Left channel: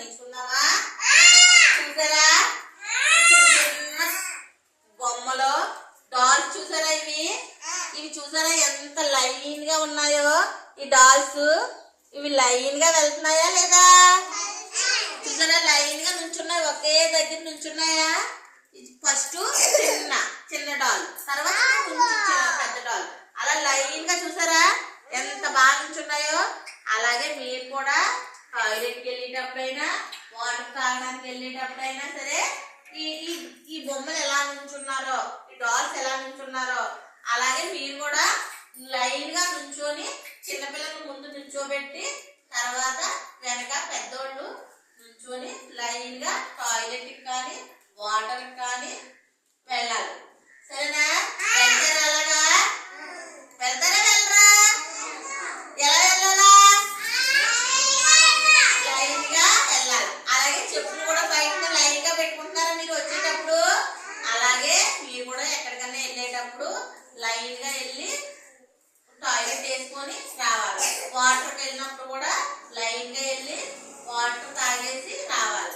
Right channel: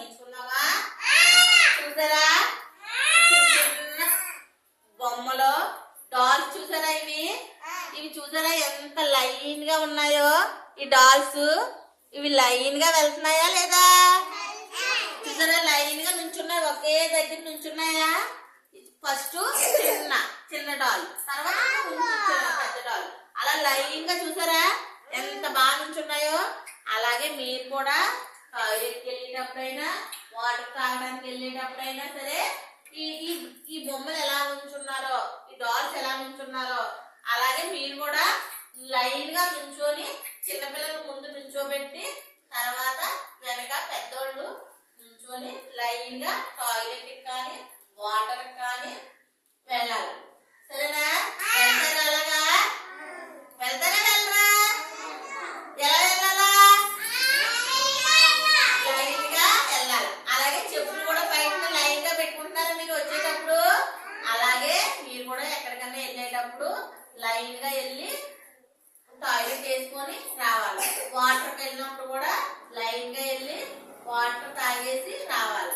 నేర్చుకుందామా? చూసారా చిన్న బొమ్మలో డాల్స్ చూసారా? ఇవి చూసారా ఎంత లైన్ గా ఉన్నాయో? ఈ డాల్స్ ఇవి లైన్ గా వెళ్తున్నాయా లేదా? చూసారా లైన్ గా నుంచున్నాయి, ఒకే దగ్గర నుంచున్నాయా? ఫస్ట్ చిన్న డాల్, తర్వాత పెద్ద డాల్, అలా లైన్ గా చూసారా ఎంత బాగా నుంచున్నాయో? అలాగే మీరు కూడా టాయిలెట్కి వెళ్ళేటప్పుడైనా వాటర్ తాగడానికి వెళ్ళేటప్పుడైనా సరే ఈ బొమ్మలు ఎలా నుంచున్నారో, ఈ డాల్స్ ఎలా నుంచున్నారో అలాగే మీరు కూడా లైన్ గా నుంచొని చిన్నపిల్లలు ముందు నుంచోబెట్టి తర్వాత వెనక పెద్దోళ్ళు నుంచొని లైన్ గా టాయిలెట్కి కానీ వాటర్కి కానీ వెళ్ళాలి. సరేనా? వెళ్తారా? అలాగా వెళ్తారా? వెళ్ళరా? ఎలా వెళ్ళాలా? లైన్ గా వెళ్ళాలి. అలాగే చెప్పులు కూడా బయట లైన్ గా పెట్టుకుంటారా మీరు వచ్చేటప్పుడు? అలాగే మీరు కూడా ఎక్కడికన్నా వెళ్ళేటప్పుడు లైన్ గా వెళ్ళి టాయిలెట్ వేసుకొని రావాలి. వాటర్కి వెళ్ళినప్పుడు కూడా లైన్ గా వెళ్ళి వాటర్ తాగేసి రావాలి.